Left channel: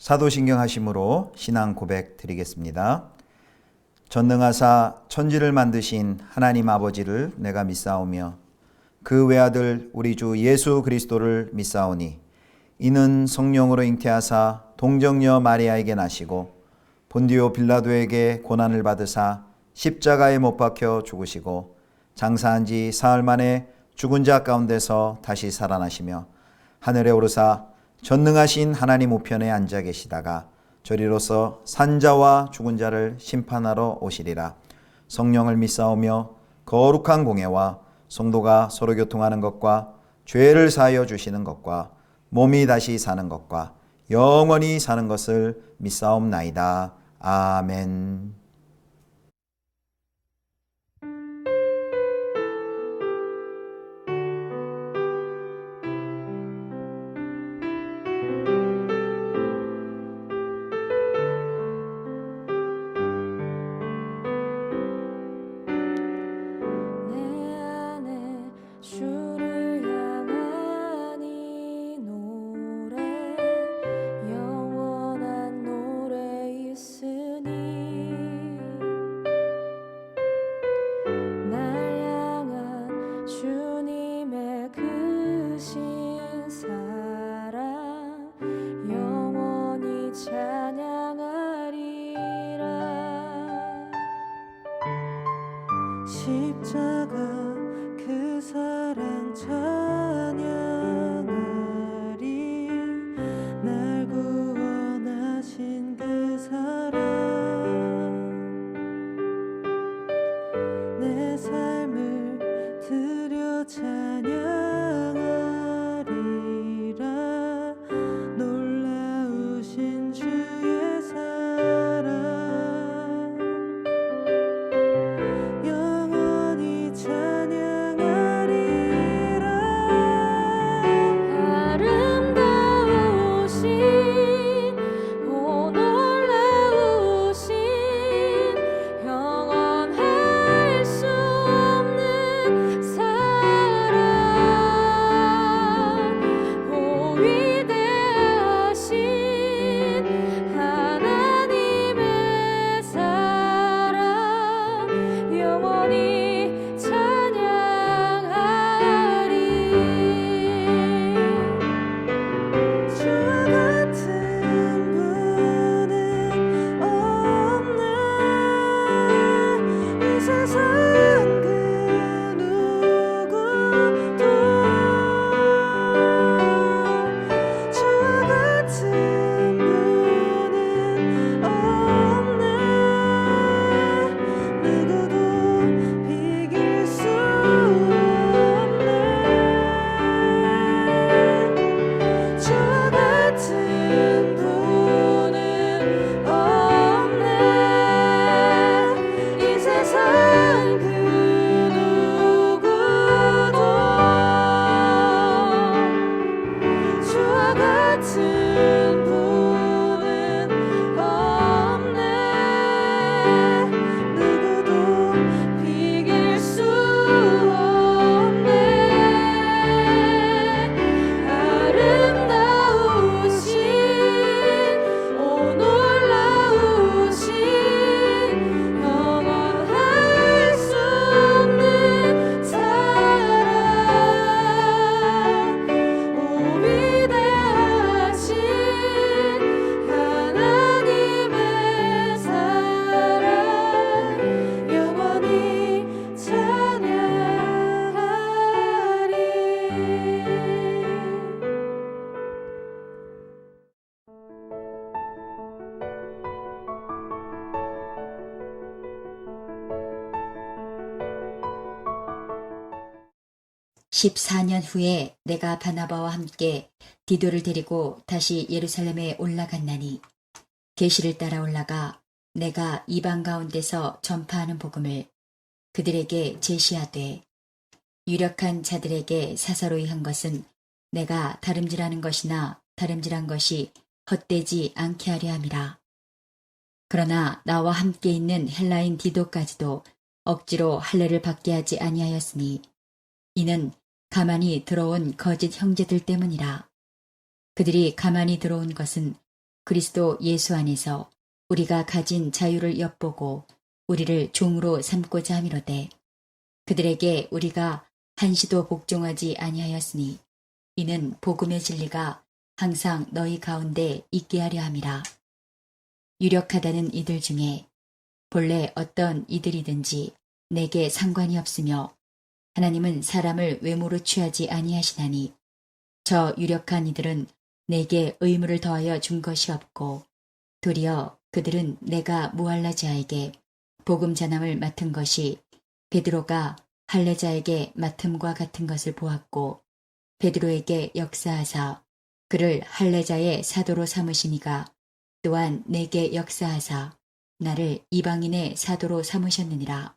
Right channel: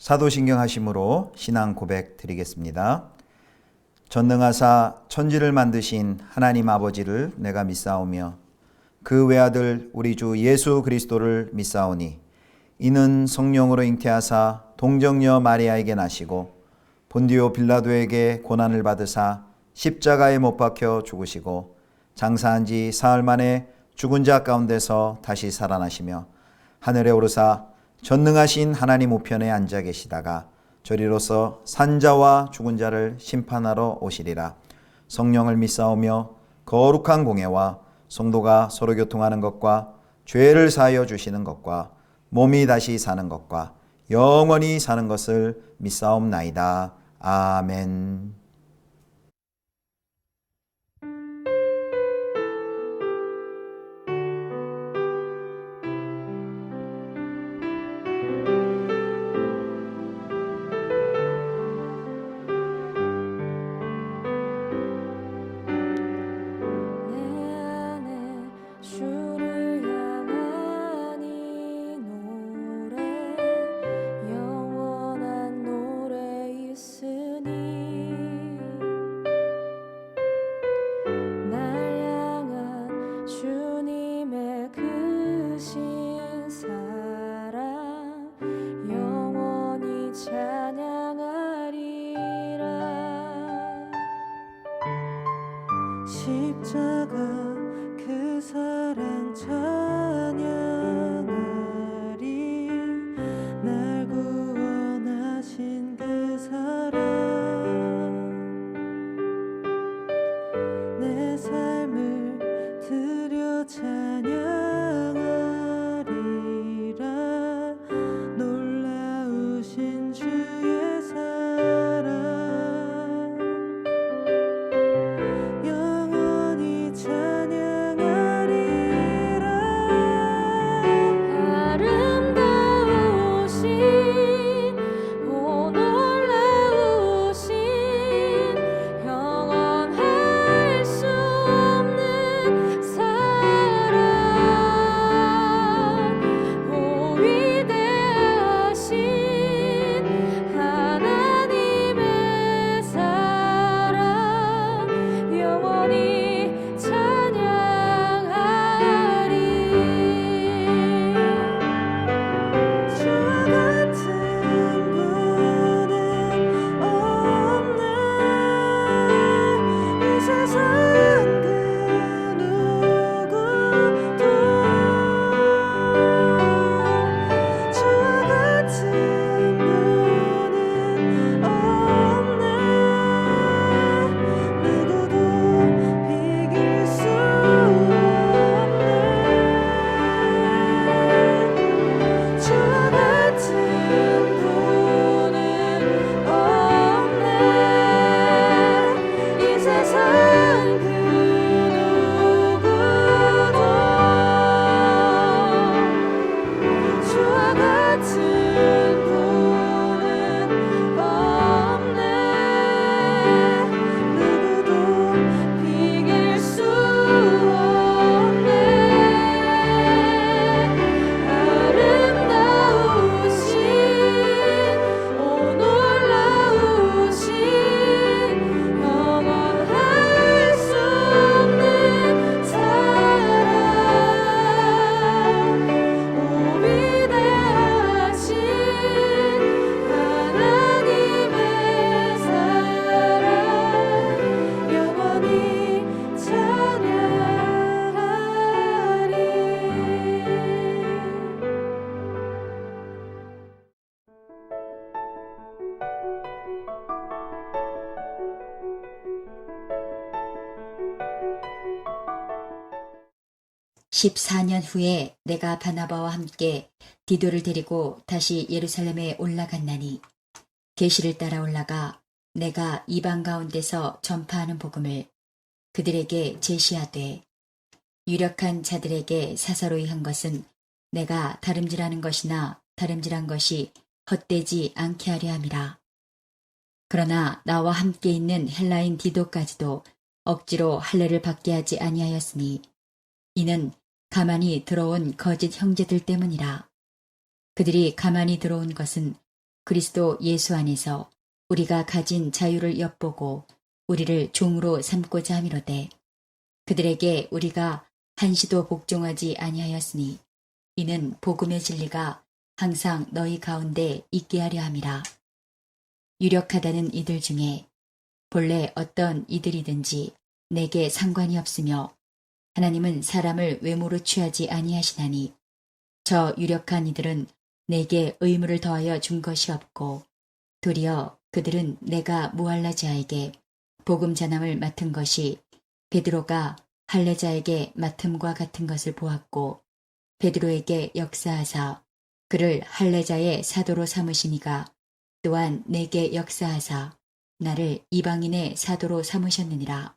사도신경 하심으로 신앙 고백 드리겠습니다. 전능하사 천지를 만드신 하나님 아버지를 내가 믿사오며 그 외아들 우리 주 예수 그리스도를 믿사오니 이는 성령으로 잉태하사 동정녀 마리아에게 나시고 본디오 빌라도에게 고난을 받으사 십자가에 못 박혀 죽으시고 장사한 지 사흘 만에 죽은 자 가운데서 다시 살아나시며 하늘에 오르사 전능하신 하나님 우편에 앉아 계시다가 저리로서 산자와 죽은 자를 심판하러 오시리라. 성령을 믿사오며 거룩한 공예와 성도가 서로 교통하는 것과 죄를 사하여 주시는 것과 몸이 다시 사는 것과 영원히 사는 것을 믿사옵나이다. 아멘. 십자가 그 사랑 찬양하리. 날 구원하신 그 사랑 내 삶을 드려 찬양하리라. 놀라우신 주의 사랑 (14년) 후에 내가 바나바와 함께 디도를 데리고 다시 예루살렘에 올라갔나니 계시를 따라 올라가 내가 이방 가운데서 전파하는 복음을 그들에게 제시하되 유력한 자들에게 사사로이 한 것은 내가 다름질하는 것이나 다름질한 것이 헛되지 않게 하려 함이라. 그러나 나와 함께 있는 헬라인 디도까지도 억지로 할례를 받게 하지 아니하였으니 이는 가만히 들어온 거짓 형제들 때문이라. 그들이 가만히 들어온 것은 그리스도 예수 안에서 우리가 가진 자유를 엿보고 우리를 종으로 삼고자 함이로되 그들에게 우리가 한시도 복종하지 아니하였으니 이는 복음의 진리가 항상 너희 가운데 있게 하려 함이라. 유력하다는 이들 중에 본래 어떤 이들이든지 내게 상관이 없으며 하나님은 사람을 외모로 취하지 아니하시나니 저 유력한 이들은 내게 의무를 더하여 준 것이 없고 도리어 그들은 내가 무할라자에게 복음 전함을 맡은 것이 베드로가 할례자에게 맡음과 같은 것을 보았고 베드로에게 역사하사 그를 할례자의 사도로 삼으시니가 또한 내게 역사하사 나를 이방인의 사도로 삼으셨느니라.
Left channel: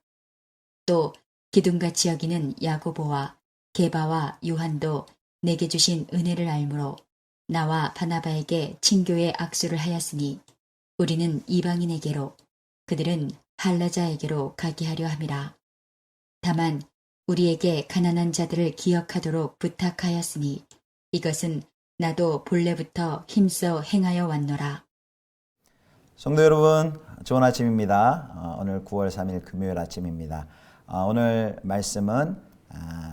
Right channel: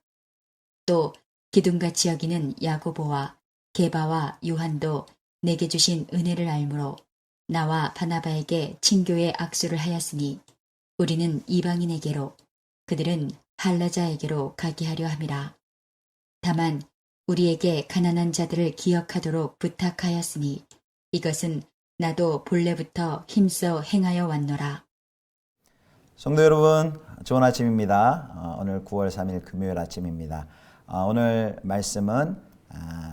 또 기둥같이 여기는 야고보와 게바와 요한도 내게 주신 은혜를 알므로 나와 바나바에게 친교의 악수를 하였으니 우리는 이방인에게로 그들은 할례자에게로 가게 하려 함이라. 다만 우리에게 가난한 자들을 기억하도록 부탁하였으니 이것은 나도 본래부터 힘써 행하여 왔노라. 성도 여러분, 좋은 아침입니다. 오늘 9월 3일 금요일 아침입니다. 오늘 말씀은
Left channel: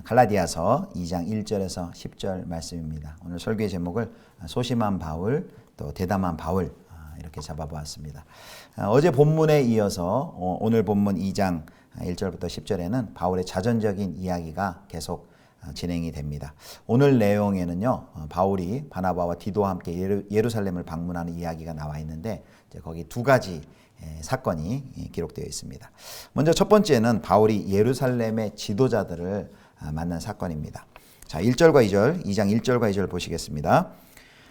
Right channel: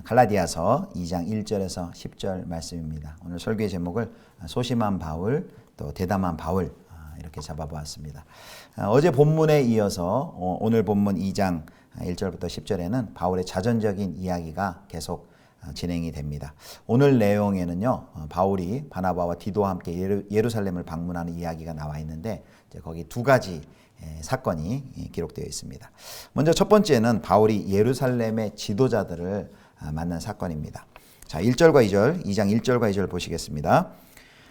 갈라디아서 2장 1절에서 10절 말씀입니다. 오늘 설교의 제목을 소심한 바울, 또 대담한 바울 이렇게 잡아보았습니다. 어제 본문에 이어서 오늘 본문 2장 1절부터 10절에는 바울의 자전적인 이야기가 계속 진행이 됩니다. 오늘 내용에는요, 바울이 바나바와 디도와 함께 예루살렘을 방문하는 이야기가 나와 있는데 거기 두 가지 사건이 기록되어 있습니다. 먼저 첫 번째는 바울이 예루살렘의 지도자들을 만난 사건입니다. 자, 1절과 2절, 2장 1절과 2절 보시겠습니다.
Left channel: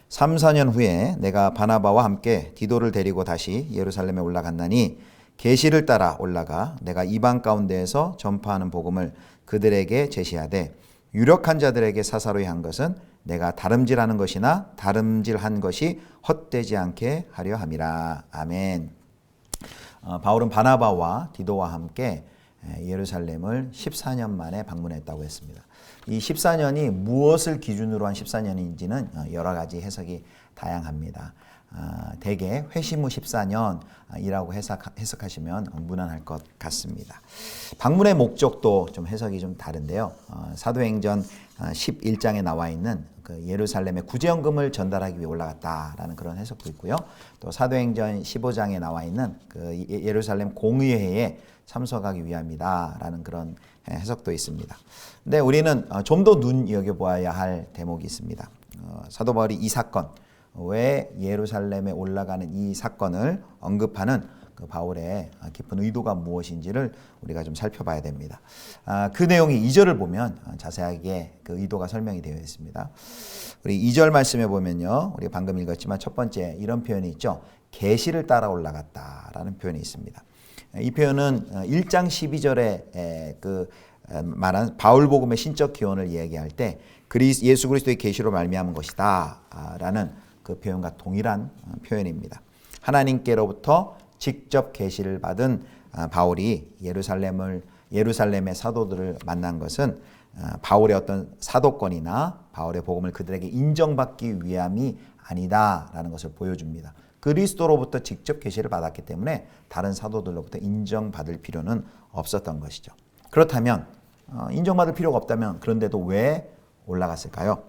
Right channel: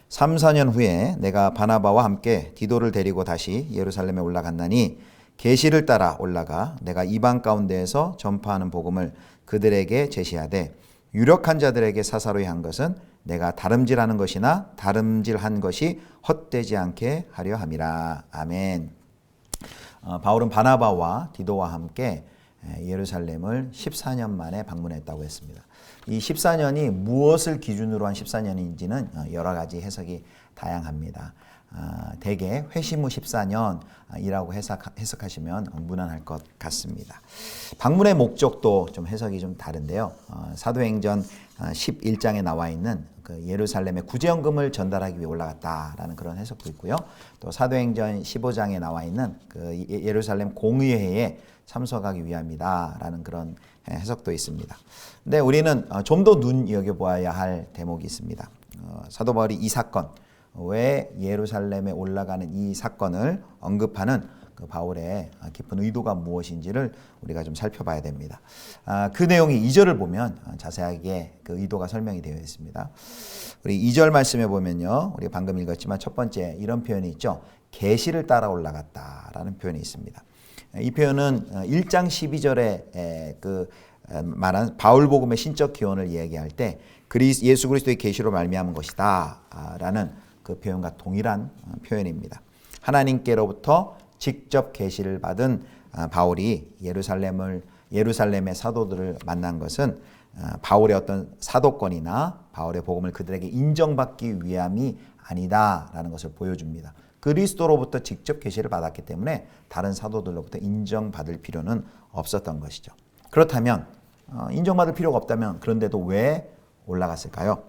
3, 4년 후에 내가 바나바와 함께 디도를 데리고 다시 예루살렘에 올라갔나니 계시를 따라 올라가 내가 이방 가운데에서 전파하는 복음을 그들에게 제시하되 유력한 자들에게 사사로이 한 것은 내가 다름질하는 것이나 다름질한 것이 헛되지 않게 하려 함이라. 아멘. 바울은 바나바와 디도와 함께 예루살렘을 14년 만에 방문했다고 했습니다. 이 14년이 무엇을 기준으로 한 14년인지는 여러 가지 해석이 다양합니다. 대개 회심 후 14년이라고 해석하시면 무난할 것 같습니다. 방문의 목적도 좀 해석이 좀 다른데요. 사도행전 11장에 나와 있는 그 예루살렘에 구제연금을 전달하기 위해 올라갔다라는 그런 해석도 있고요. 또 사도행전 15장에 나와 있는 그 예루살렘 공의회에 참석하기 위함이다라는 그런 해석도 있습니다. 근데 우리는 좀 더 눈여겨보아야 할 대목이 있습니다. 사도 바울이 이 사건, 왜 예루살렘에 올라가는 이 사건을 언급하는 그 바울의 깊은 의도가 무엇인지를 우리가 좀 살펴봐야 됩니다. 그 내용이 2절을 보면 자세하게 그 의도가 설명이 되어 있습니다. 우리 2절 말씀에 보면요, 우리 방금 읽었지만 첫 번째 이런 표현이 있죠. 계시를 따라 올라갔다라는 표현이 있습니다. 이 표현은 1장 12절에 그 말한 바울복음의 신적 기원을 이야기할 때 예수 그리스도의 계시로 말미암은 것이다 라는 그 표현과 동일한 표현입니다. 하나님께로부터 직접 계시를 받은 바울이 예루살렘의 사도들을 만난 것은 바울의 어떤 사도권이나 바울의 복음을 그들에게 인정받기 위함이 아니다라는 것을 보여줍니다. 그리스도로부터 직접 계시를 받았기 때문에 다른 사도들로부터 인정받을 필요는 없었던 것이죠. 그렇다면 인정받을 필요가 없다면 그런데도 왜 올라갔을까요?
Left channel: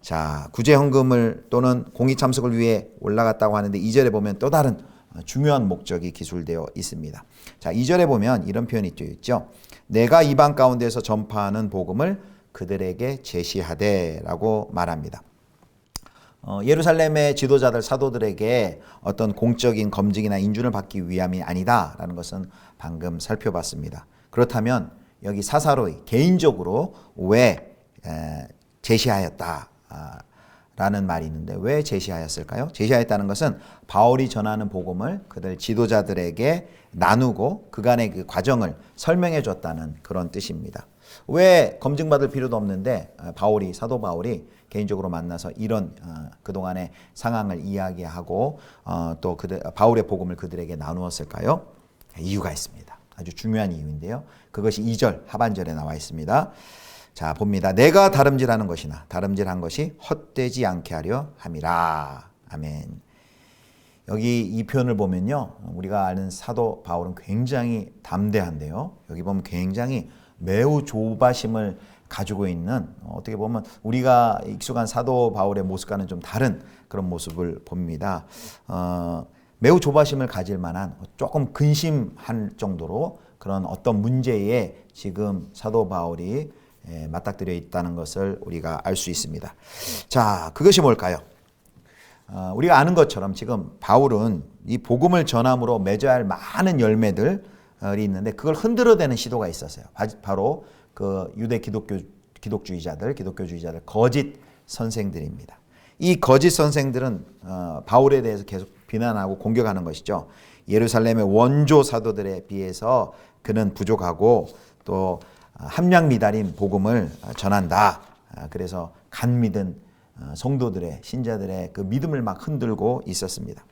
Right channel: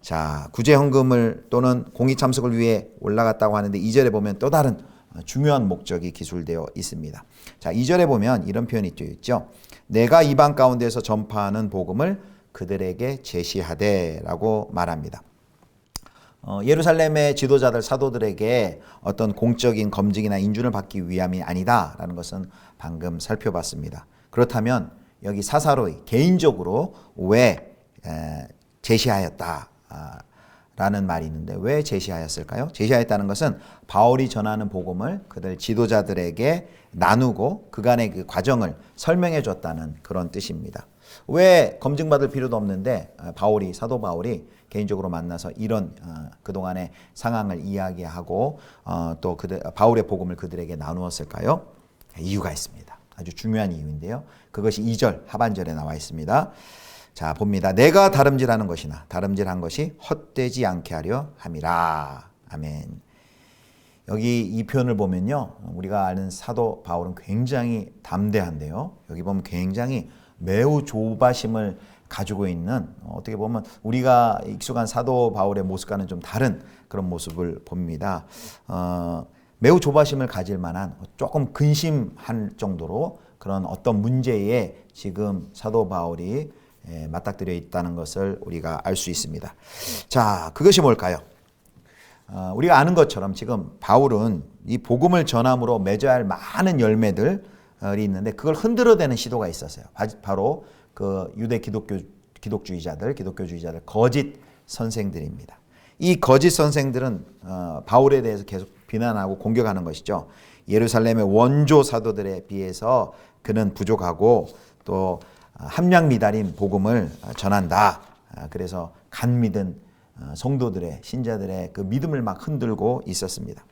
자, 구제헌금을 또는 공의 참석을 위해 올라갔다고 하는데 2절에 보면 또 다른 중요한 목적이 기술되어 있습니다. 자, 2절에 보면 이런 표현이 있죠. 내가 이방 가운데서 전파하는 복음을 그들에게 제시하되 라고 말합니다. 예루살렘의 지도자들 사도들에게 어떤 공적인 검증이나 인준을 받기 위함이 아니다라는 것은 방금 살펴봤습니다. 그렇다면 여기 사사로이 개인적으로 왜 제시하였다 라는 말이 있는데 왜 제시하였을까요? 제시하였다는 것은 바울이 전하는 복음을 그들 지도자들에게 나누고 그간의 그 과정을 설명해 줬다는 그런 뜻입니다. 왜 검증받을 필요도 없는데 사도 바울이 개인적으로 만나서 이런 그동안의 상황을 이야기하고 또 바울의 복음을 그들에게 나누었을까요? 이유가 있습니다. 아주 중요한 이유인데요. 그것이 2절 하반절에 나와 있습니다. 자, 봅니다. 내가 다름질하는 것이나 다름질한 것이 헛되지 않게 하려 함이라. 아멘. 여기 이 표현을 보면요, 우리가 아는 사도 바울은 굉장히 담대한데요. 여기 보면 굉장히 매우 조바심을 가지고 있는, 어떻게 보면 우리가 익숙한 사도 바울의 모습과는 좀 다른 그런 모습을 봅니다. 매우 조바심을 가질 만한, 조금 근심할 정도로 그런 어떤 문제에 지금 사도 바울이 맞닥뜨려 있다는 것을 우리가 알 수 있습니다. 자, 그것이 뭘까요? 우리가 아는 것처럼 지금 바울은 이 복음을 전함으로 맺어야 할 많은 열매들이 있는데 그걸 흔들어대는 시도가 있었어요. 바로 그 유대 기독주의자들 거짓 선생들입니다. 이 거짓 선생들은 바울에 대해서 계속 비난하고 공격하는 것이죠. 예루살렘의 원조 사도들에 비해서 그는 부족하고 또 함량 미달인 복음을 전한다. 그래서 간 믿은 성도들의 신자들의 그 믿음을 막 흔들고 있었습니다.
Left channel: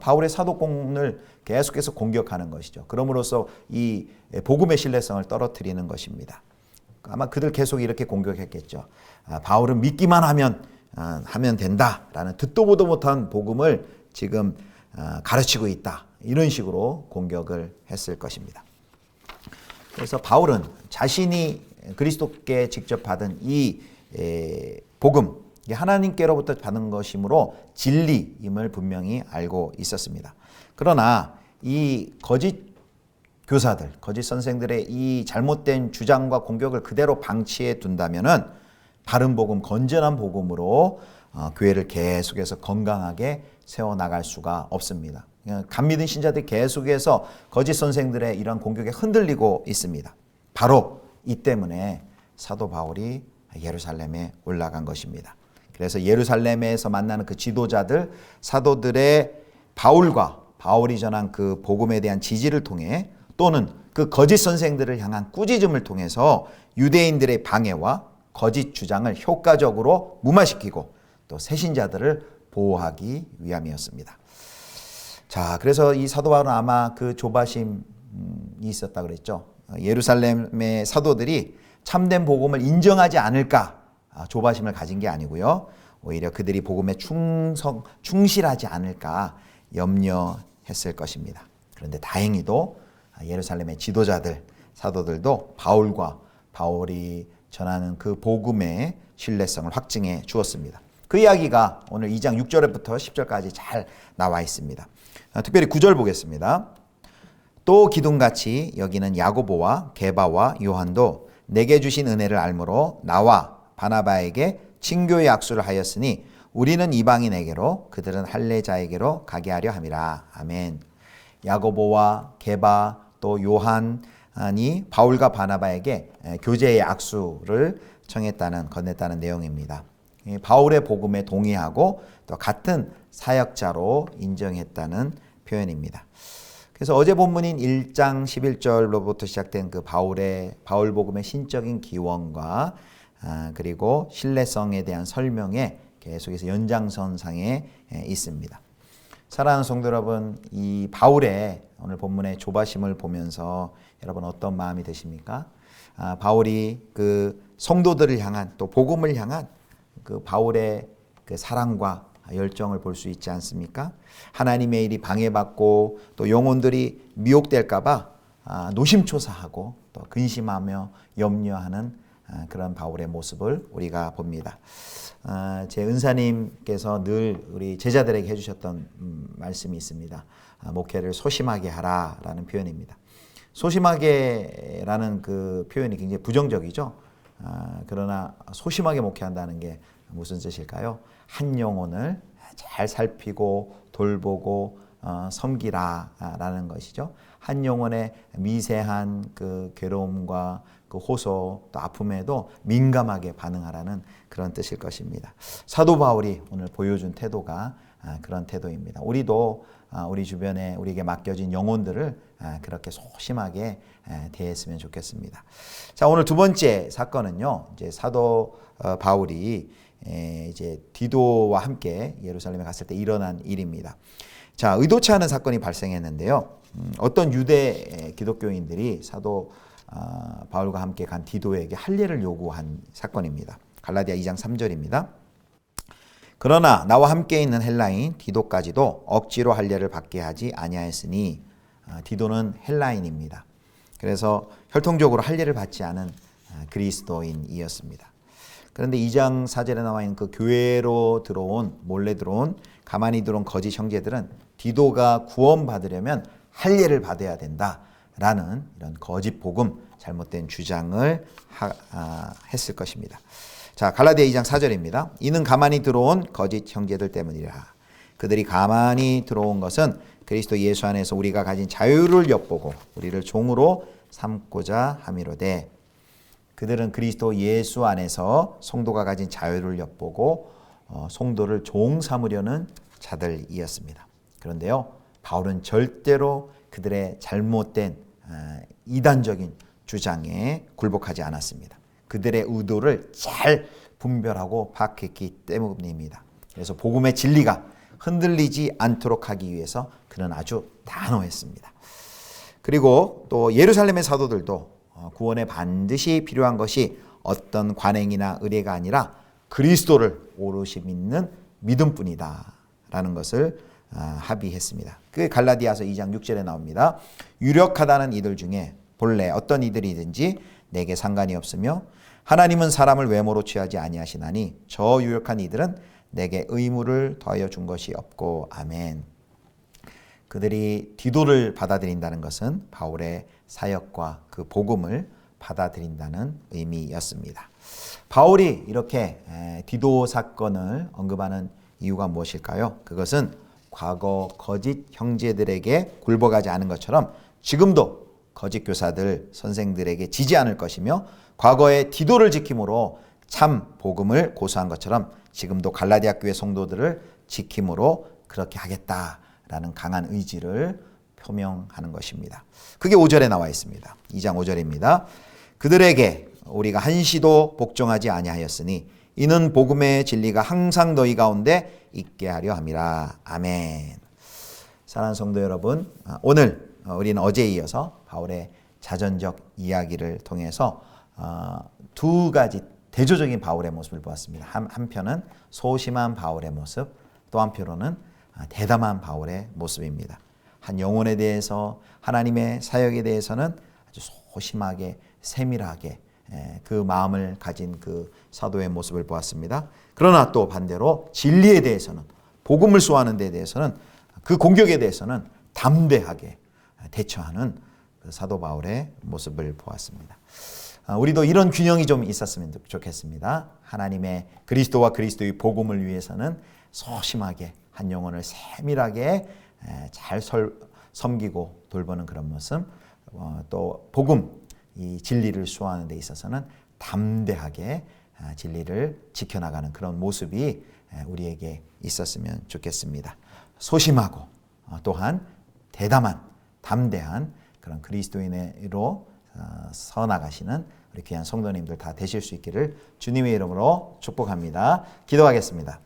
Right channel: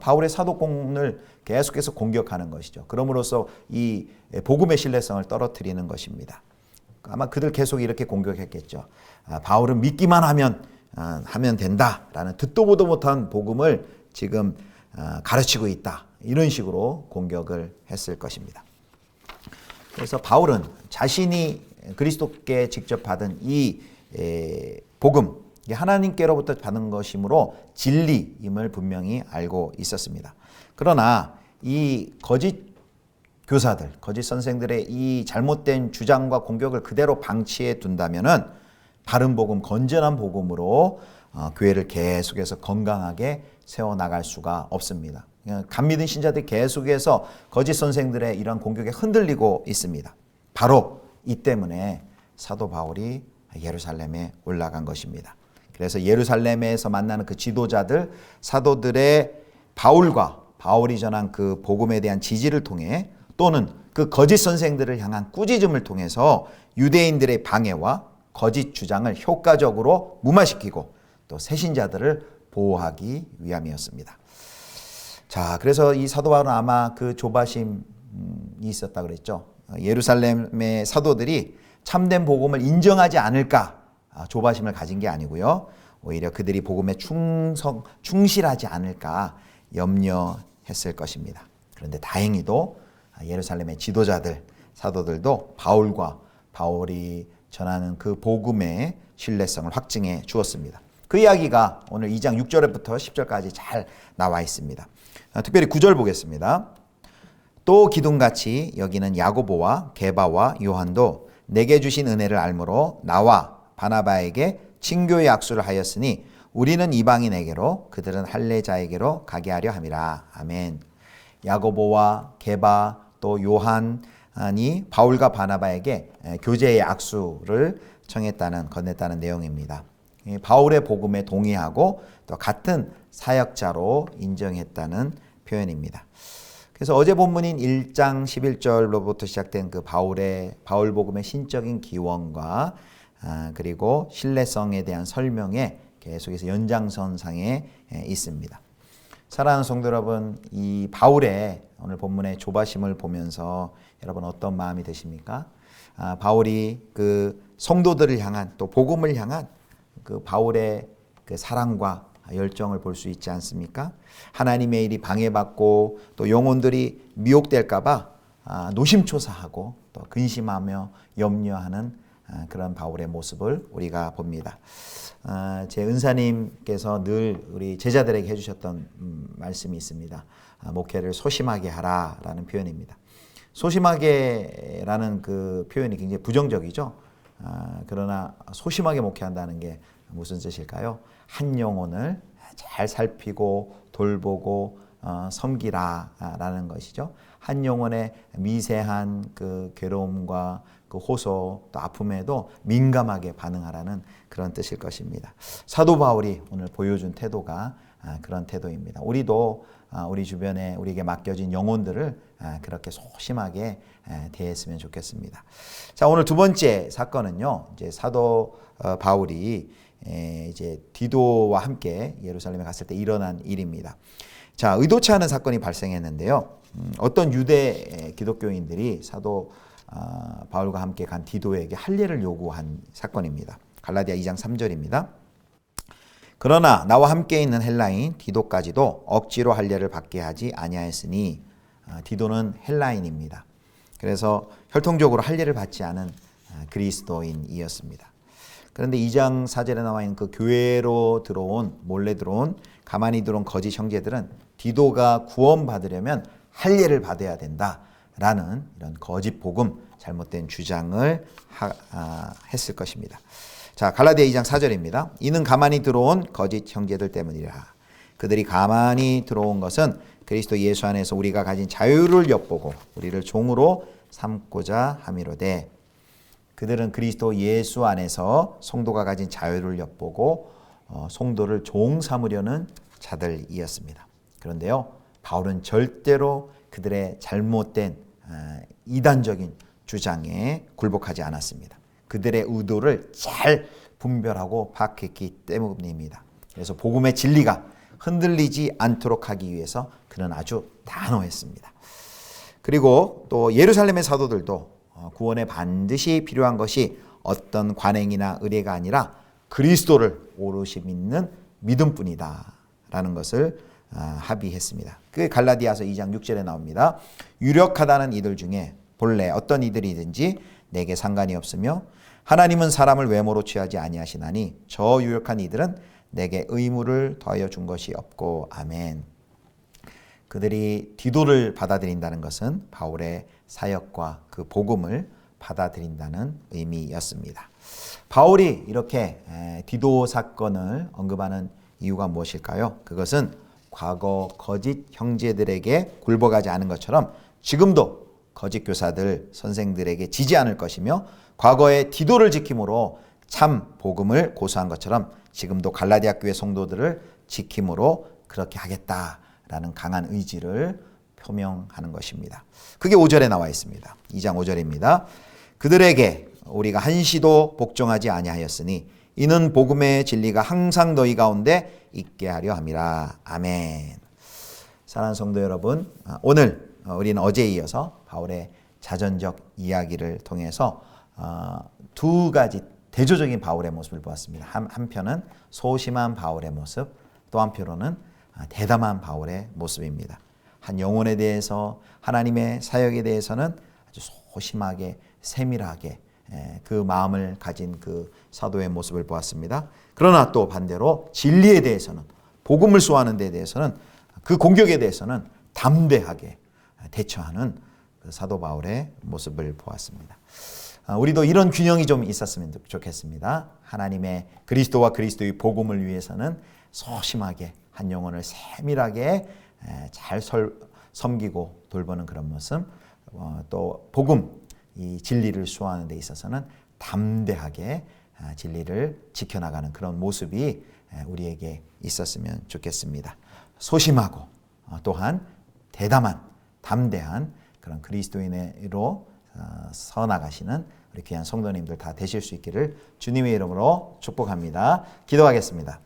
바울의 사도권을 계속해서 공격하는 것이죠. 그럼으로써 이 복음의 신뢰성을 떨어뜨리는 것입니다. 아마 그들 계속 이렇게 공격했겠죠. 바울은 믿기만 하면 된다라는 듣도 보도 못한 복음을 지금 가르치고 있다. 이런 식으로 공격을 했을 것입니다. 그래서 바울은 자신이 그리스도께 직접 받은 이 복음, 하나님께로부터 받은 것이므로 진리임을 분명히 알고 있었습니다. 그러나 이 거짓 교사들, 거짓 선생들의 이 잘못된 주장과 공격을 그대로 방치해 둔다면은 바른 복음, 건전한 복음으로 교회를 계속해서 건강하게 세워나갈 수가 없습니다. 간 믿은 신자들이 계속해서 거짓 선생들의 이런 공격에 흔들리고 있습니다. 바로 이 때문에 사도 바울이 예루살렘에 올라간 것입니다. 그래서 예루살렘에서 만나는 그 지도자들, 사도들의 바울이 전한 그 복음에 대한 지지를 통해 또는 그 거짓 선생들을 향한 꾸짖음을 통해서 유대인들의 방해와 거짓 주장을 효과적으로 무마시키고 또 새신자들을 보호하기 위함이었습니다. 자, 그래서 이 사도 바울은 아마 그 조바심이 있었다 그랬죠. 예루살렘의 사도들이 참된 복음을 인정하지 않을까 조바심을 가진 게 아니고요. 오히려 그들이 복음에 충실하지 않을까 염려했을 것입니다. 그런데 다행히도 예루살렘의 지도자들, 사도들도 바울이 전하는 그 복음의 신뢰성을 확증해 주었습니다. 그 이야기가 오늘 2장 6절부터 10절까지 잘 나와 있습니다. 특별히 9절 보겠습니다. 또 기둥같이 여기는 야고보와 게바와 요한도 내게 주신 은혜를 알므로 나와 바나바에게 친교의 약수를 하였으니 우리는 이방인에게로 그들은 할례자에게로 가게 하려 함이라. 아멘. 야고보와 게바 또 요한이 바울과 바나바에게 교제의 약수를 건넸다는 내용입니다. 바울의 복음에 동의하고 또 같은 사역자로 인정했다는 표현입니다. 그래서 어제 본문인 1장 11절로부터 시작된 그 바울 복음의 신적인 기원과 그리고 신뢰성에 대한 설명에 계속해서 연장선상에 있습니다. 사랑하는 성도 여러분, 이 바울의 오늘 본문의 조바심을 보면서 여러분 어떤 마음이 드십니까? 바울이 그 성도들을 향한 또 복음을 향한 그 바울의 그 사랑과 열정을 볼 수 있지 않습니까? 하나님의 일이 방해받고 또 영혼들이 미혹될까봐 노심초사하고 또 근심하며 염려하는 그런 바울의 모습을 우리가 봅니다. 제 은사님께서 늘 우리 제자들에게 해주셨던 말씀이 있습니다. 목회를 소심하게 하라라는 표현입니다. 소심하게라는 그 표현이 굉장히 부정적이죠. 그러나 소심하게 목회한다는 게 무슨 뜻일까요? 한 영혼을 잘 살피고 돌보고 섬기라라는 것이죠. 한 영혼의 미세한 그 괴로움과 그 호소 또 아픔에도 민감하게 반응하라는 그런 뜻일 것입니다. 사도 바울이 오늘 보여준 태도가 그런 태도입니다. 우리도 우리 주변에 우리에게 맡겨진 영혼들을 그렇게 소심하게 대했으면 좋겠습니다. 자, 오늘 두 번째 사건은요. 이제 사도 바울이 이제 디도와 함께 예루살렘에 갔을 때 일어난 일입니다. 자, 의도치 않은 사건이 발생했는데요. 어떤 유대 기독교인들이 사도 바울과 함께 간 디도에게 할례를 요구한 사건입니다. 갈라디아 2장 3절입니다. 그러나 나와 함께 있는 헬라인 디도까지도 억지로 할례를 받게 하지 아니하였으니 디도는 헬라인입니다. 그래서 혈통적으로 할례를 받지 않은 그리스도인이었습니다. 그런데 2장 4절에 나와 있는 그 교회로 들어온 몰래 들어온 가만히 들어온 거짓 형제들은 디도가 구원받으려면 할례를 받아야 된다라는 이런 거짓 복음, 잘못된 주장을 했을 것입니다. 자, 갈라디아 2장 4절입니다. 이는 가만히 들어온 거짓 형제들 때문이라. 그들이 가만히 들어온 것은 그리스도 예수 안에서 우리가 가진 자유를 엿보고 우리를 종으로 삼고자 함이로되, 그들은 그리스도 예수 안에서 성도가 가진 자유를 엿보고 성도를 종 삼으려는 자들이었습니다. 그런데요, 바울은 절대로 그들의 잘못된 이단적인 주장에 굴복하지 않았습니다. 그들의 의도를 잘 분별하고 파악했기 때문입니다. 그래서 복음의 진리가 흔들리지 않도록 하기 위해서 그는 아주 단호했습니다. 그리고 또 예루살렘의 사도들도 구원에 반드시 필요한 것이 어떤 관행이나 의례가 아니라 그리스도를 오롯이 믿는 믿음뿐이다 라는 것을 합의했습니다. 그게 갈라디아서 2장 6절에 나옵니다. 유력하다는 이들 중에 본래 어떤 이들이든지 내게 상관이 없으며 하나님은 사람을 외모로 취하지 아니하시나니 저 유력한 이들은 내게 의무를 더하여 준 것이 없고. 아멘. 그들이 디도를 받아들인다는 것은 바울의 사역과 그 복음을 받아들인다는 의미였습니다. 바울이 이렇게 디도 사건을 언급하는 이유가 무엇일까요? 그것은 과거 거짓 형제들에게 굴복하지 않은 것처럼 지금도 거짓 교사들, 선생들에게 지지 않을 것이며, 과거에 디도를 지킴으로 참 복음을 고수한 것처럼 지금도 갈라디아 교회 성도들을 지킴으로 그렇게 하겠다라는 강한 의지를 표명하는 것입니다. 그게 5절에 나와 있습니다. 2장 5절입니다. 그들에게 우리가 한시도 복종하지 아니하였으니 이는 복음의 진리가 항상 너희 가운데 있게 하려 함이라. 아멘. 사랑하는 성도 여러분, 오늘 우리는 어제에 이어서 바울의 자전적 이야기를 통해서 두 가지 대조적인 바울의 모습을 보았습니다. 한편은 소심한 바울의 모습, 또 한편으로는 대담한 바울의 모습입니다. 한 영혼에 대해서, 하나님의 사역에 대해서는 아주 소심하게 세밀하게 그 마음을 가진 그 사도의 모습을 보았습니다. 그러나 또 반대로 진리에 대해서는, 복음을 소화하는 데 대해서는, 그 공격에 대해서는 담대하게 대처하는 그 사도 바울의 모습을 보았습니다. 우리도 이런 균형이 좀 있었으면 좋겠습니다. 하나님의 그리스도와 그리스도의 복음을 위해서는 소심하게 한 영혼을 세밀하게 잘 섬기고 돌보는 그런 모습, 또 복음, 이 진리를 수호하는 데 있어서는 담대하게 진리를 지켜나가는 그런 모습이 우리에게 있었으면 좋겠습니다. 소심하고 또한 대담한, 담대한 그런 그리스도인으로 서나가시는 우리 귀한 성도님들 다 되실 수 있기를 주님의 이름으로 축복합니다. 기도하겠습니다.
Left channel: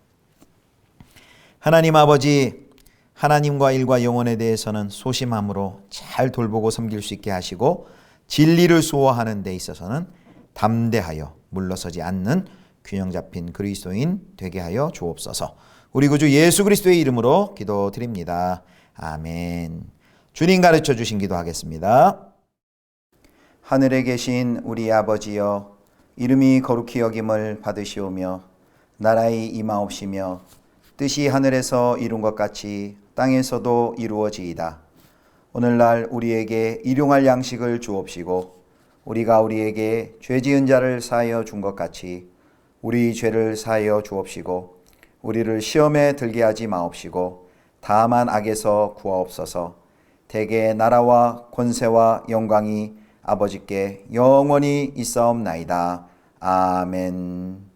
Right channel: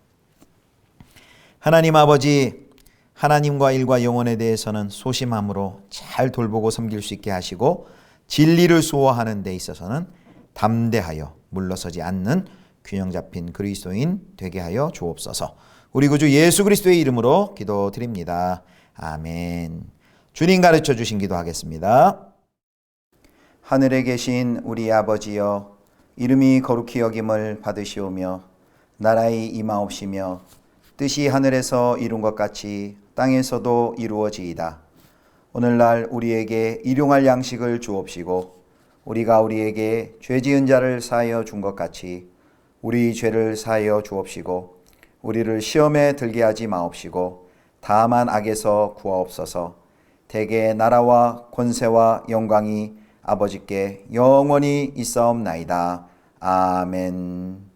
하나님 아버지, 하나님과 일과 영혼에 대해서는 소심함으로 잘 돌보고 섬길 수 있게 하시고, 진리를 수호하는 데 있어서는 담대하여 물러서지 않는 균형 잡힌 그리스도인 되게 하여 주옵소서. 우리 구주 예수 그리스도의 이름으로 기도드립니다. 아멘. 주님 가르쳐 주신 기도하겠습니다. 하늘에 계신 우리 아버지여, 이름이 거룩히 여김을 받으시오며 나라의 임하옵시며 뜻이 하늘에서 이룬 것 같이 땅에서도 이루어지이다. 오늘날 우리에게 일용할 양식을 주옵시고, 우리가 우리에게 죄 지은 자를 사하여 준 것 같이 우리 죄를 사하여 주옵시고, 우리를 시험에 들게 하지 마옵시고 다만 악에서 구하옵소서. 대개 나라와 권세와 영광이 아버지께 영원히 있사옵나이다. 아멘.